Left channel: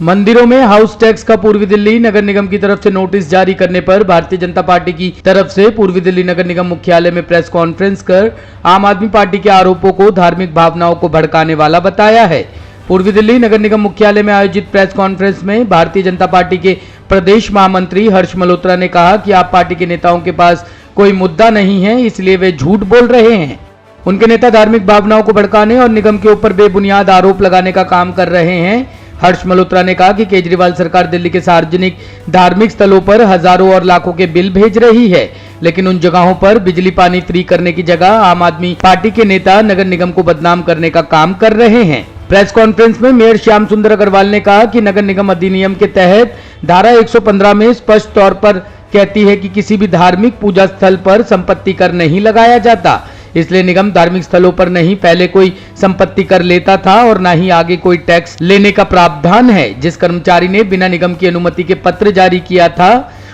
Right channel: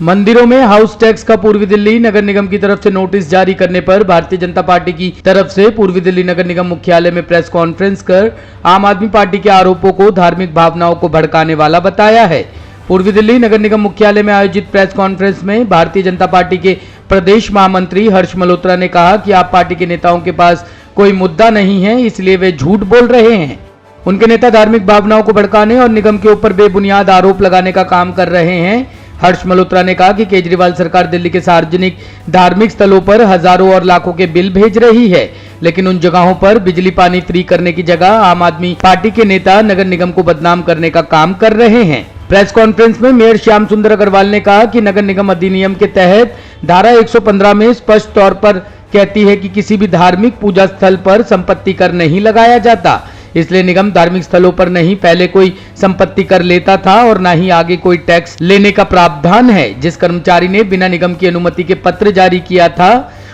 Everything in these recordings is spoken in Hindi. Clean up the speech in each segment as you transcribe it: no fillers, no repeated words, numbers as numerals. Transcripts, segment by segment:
मंदिरों में हाउस टैक्स का पूर्वी दिल्ली नगर निगम की तरफ से नोटिस जारी करने पर भारतीय जनता पार्टी की तरफ से पूर्वी दिल्ली नगर निगम मुख्यालय में प्रेस कॉन्फ्रेंस कर आम आदमी पार्टी के आरोपों को धार्मिक भावनाओं को भड़काने वाला बताया है। पूर्वी दिल्ली नगर निगम मुख्यालय में आयोजित प्रेस कॉन्फ्रेंस में भारतीय जनता पार्टी के प्रदेश महामंत्री हर्ष मल्होत्रा ने कहा कि आप पार्टी के नेताओं के पास कोई मुद्दा नहीं है, इसलिए वे झूठ बोल रहे हैं। उनके नेता धार्मिक भावनाओं को भड़काने और निगम के ऊपर बेबुनियाद आरोप लगाने का काम कर रहे हैं। हर्ष मल्होत्रा ने कहा कि केजरीवाल सरकार दिल्ली के सार्वजनिक धार्मिक स्थलों पर हजारों और लाखों के बिल भेज रही है, लेकिन उन जगहों पर बिजली पानी फ्री करने की जगह आम आदमी पार्टी के नेता नगर निगम को बदनाम करने का काम कर रहे हैं। प्रेस कॉन्फ्रेंस में मेयर श्याम सुंदर अग्रवाल ने कहा कि नगर निगम अधिनियम के तहत धारा 115 में स्पष्ट तौर पर कहती है कि किसी भी धार्मिक पूजा स्थल पर संपत्ति कर नहीं लगाया जाता, इसलिए निगम धार्मिक स्थलों पर नहीं पहले कोई संपत्ति कर लेता था और ना ही आगे कोई टैक्स लेने का प्रावधान है। जिस कर्मचारी ने बिना निगम की अनुमति के पत्र जारी किया था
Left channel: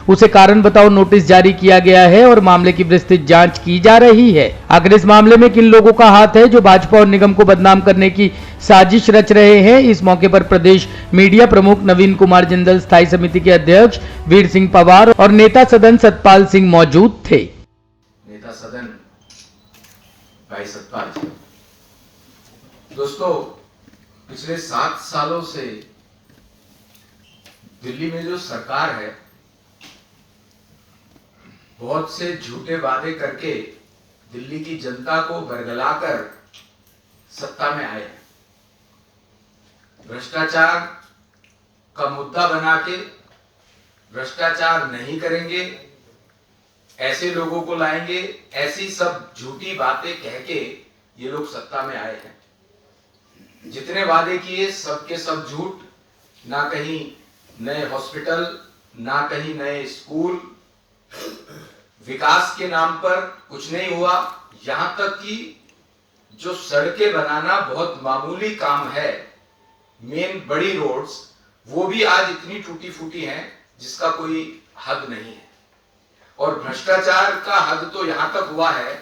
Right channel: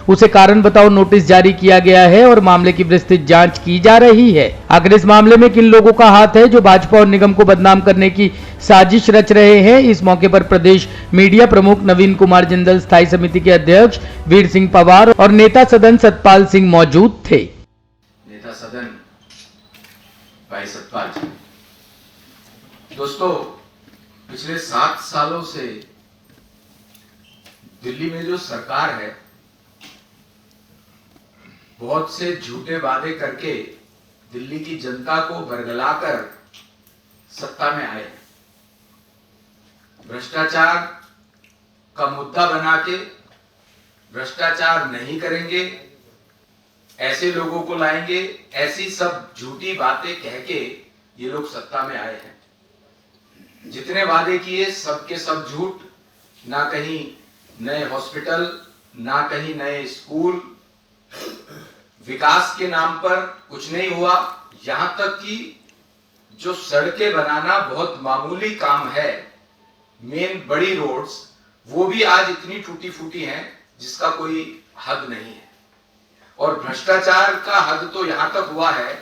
उसे कारण बताओ नोटिस जारी किया गया है और मामले की विस्तृत जांच की जा रही है। आखिर इस मामले में किन लोगों का हाथ है जो भाजपा और निगम को बदनाम करने की साजिश रच रहे हैं। इस मौके पर प्रदेश मीडिया प्रमुख नवीन कुमार जिंदल, स्थायी समिति के अध्यक्ष वीर सिंह पवार और नेता सदन सतपाल सिंह मौजूद थे। नेता सदन भाई सतपाल जी, दोस्तों पिछले 7 सालों से दिल्ली में जो सरकार है बहुत से झूठे वादे करके दिल्ली की जनता को बरगलाकर सत्ता में आए। भ्रष्टाचार का मुद्दा बना के भ्रष्टाचार नहीं करेंगे, ऐसे लोगों को लाएंगे, ऐसी सब झूठी बातें कह के ये लोग सत्ता में आए हैं। जितने वादे किए सबके सब झूठ, ना कहीं नए हॉस्पिटल, ना कहीं नए स्कूल, विकास के नाम पर कुछ नहीं हुआ। यहां तक कि जो सड़कें बनाना बहुत मामूली काम है, मेन बड़ी रोड्स, वो भी आज इतनी टूटी फूटी हैं जिसका कोई हद नहीं है। और भ्रष्टाचार का हद तो यहां तक हुआ है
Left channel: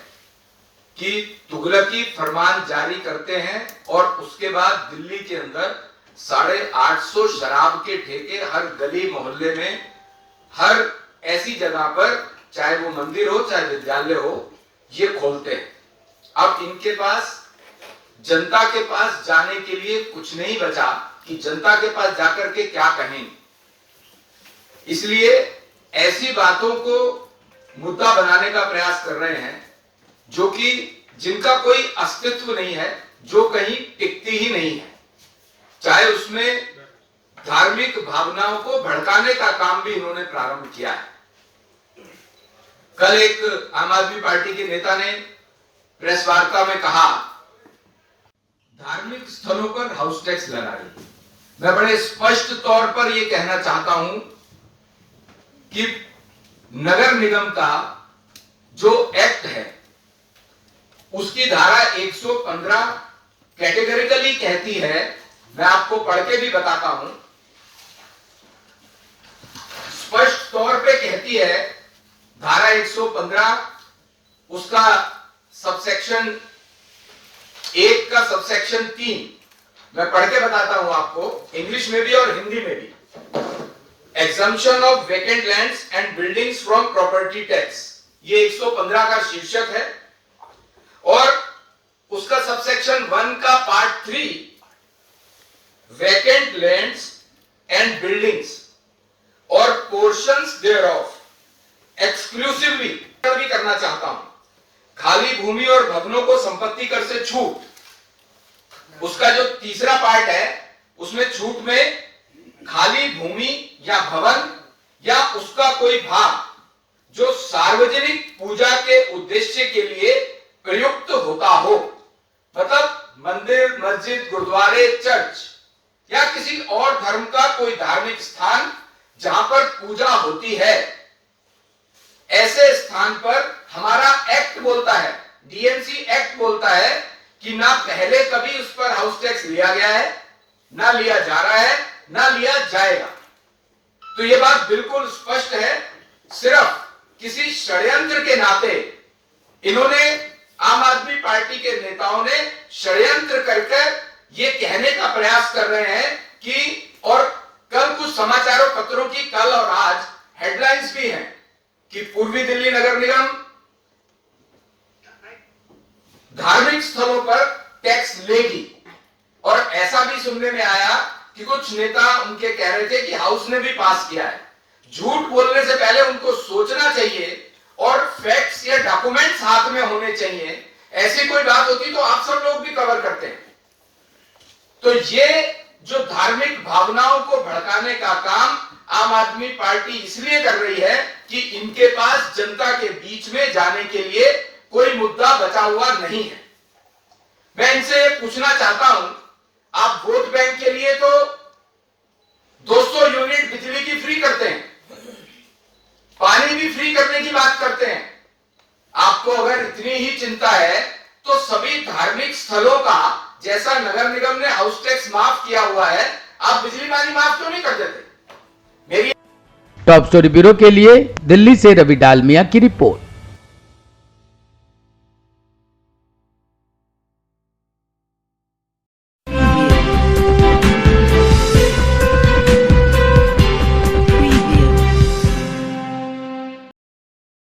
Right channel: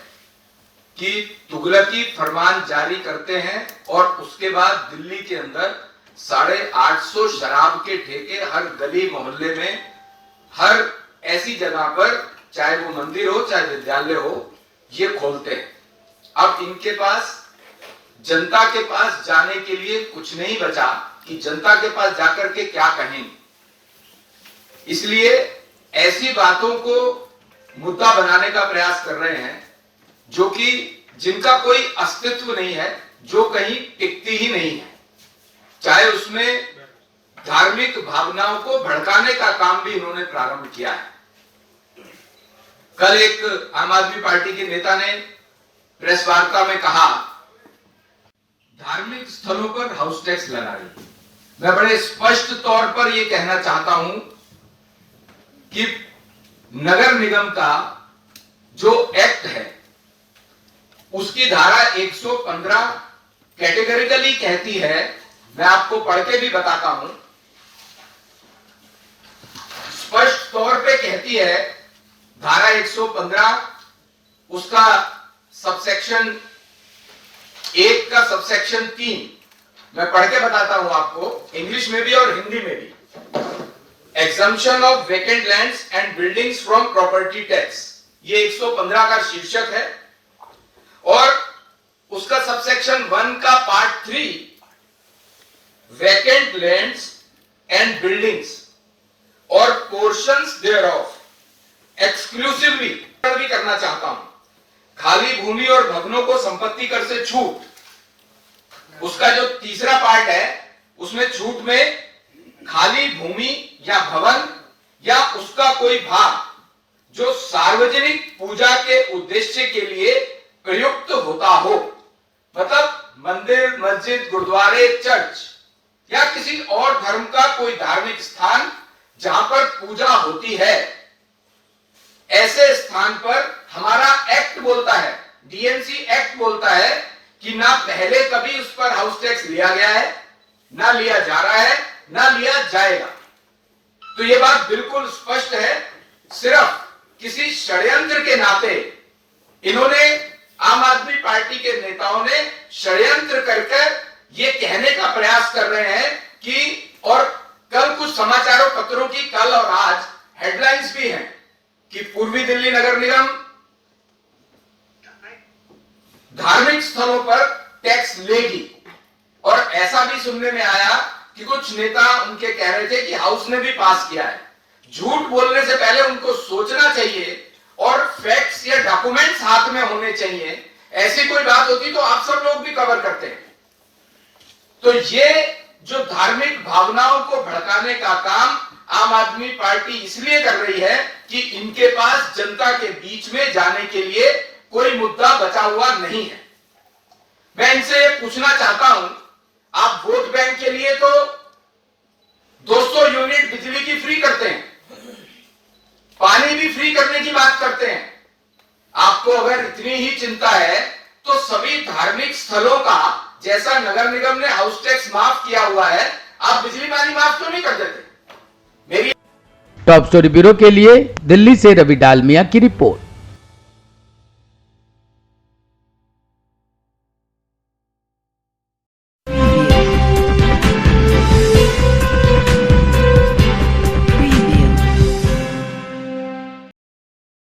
कि तुगलकी फरमान जारी करते हैं और उसके बाद दिल्ली के अंदर 850 शराब के ठेके हर गली मोहल्ले में, हर ऐसी जगह पर, चाहे वो मंदिर हो चाहे विद्यालय हो, ये खोलते हैं। अब इनके पास जनता के पास जाने के लिए कुछ नहीं बचा कि जनता के पास जाकर के क्या कहें। इसलिए ऐसी बातों को मुद्दा बनाने का प्रयास कर रहे हैं जो कि जिनका कोई अस्तित्व नहीं है, जो कहीं टिकती ही नहीं है। चाहे उसमें धार्मिक भावनाओं को भड़काने का काम भी इन्होंने प्रारंभ किया है। कल एक आम आदमी पार्टी के नेता ने प्रेस वार्ता में कहा धार्मिक स्थलों पर हाउस टैक्स लगा रही। मैं बड़े स्पष्ट तौर पर यह कहना चाहता हूं कि नगर निगम का जो एक्ट है उसकी धारा 115 कैटेगरिकली कहती है, मैं आपको पढ़ के भी बताता हूं, स्पष्ट तौर पे कहती है धारा 115 उसका सबसेक्शन 1 का सबसेक्शन 3, मैं पढ़ के बताता हूं आपको, इंग्लिश में भी और हिंदी में भी। Exemption of vacant lands and buildings from property tax, ये 115 का शीर्षक है। और उसका सबसेक्शन 1 का part 3, vacant lands and buildings और पोर्शंस देयरऑफ एक्सक्लूसिवली भी करना चाहता हूं। खाली भूमि और भवनों को संपत्ति कर से छूट, उसका जो तीसरा पार्ट है उसमें छूट में खाली भूमि या भवन या उसका कोई भाग जो सार्वजनिक पूजा के उद्देश्य के लिए प्रयुक्त होता हो, मतलब मंदिर, मस्जिद, गुरुद्वारे, चर्च या किसी और धर्म का कोई धार्मिक स्थान जहां पर पूजा होती है, ऐसे स्थान पर हमारा एक्ट बोलता है, डीएनसी एक्ट बोलता है कि ना पहले कभी उस पर हाउस टैक्स लिया गया है, ना लिया जा रहा है, ना लिया जाएगा। तो ये बात बिल्कुल स्पष्ट है। सिर्फ किसी षड्यंत्र के नाते इन्होंने, आम आदमी पार्टी के नेताओं ने षड्यंत्र कर ये कहने का प्रयास कर रहे हैं कि, और पूर्वी दिल्ली नगर निगम धार्मिक स्थलों पर टैक्स लेगी। और ऐसा भी सुनने में आया कि कुछ नेता उनके कह रहे थे कि हाउस ने भी पास किया है। झूठ बोलने से पहले उनको सोचना चाहिए और फैक्ट्स या डॉक्यूमेंट्स हाथ में होने चाहिए। ऐसी कोई बात होती तो आप सब लोग भी कवर करते हैं। तो ये जो धार्मिक भावनाओं को भड़काने का काम आम आदमी पार्टी इसलिए कर रही है कि इनके पास जनता के बीच में जाने के लिए कोई मुद्दा बचा हुआ नहीं है। मैं इनसे पूछना चाहता हूं, आप वोट बैंक के लिए तो 200 यूनिट बिजली की फ्री करते हैं, पानी भी फ्री करने की बात करते हैं। आपको अगर इतनी ही चिंता है तो सभी धार्मिक स्थलों का जैसा नगर निगम ने हाउस टैक्स माफ किया हुआ है, आप बिजली पानी माफ क्यों नहीं कर देते? मेरी टॉप स्टोरी ब्यूरो के लिए दिल्ली से रवि डालमिया की रिपोर्ट।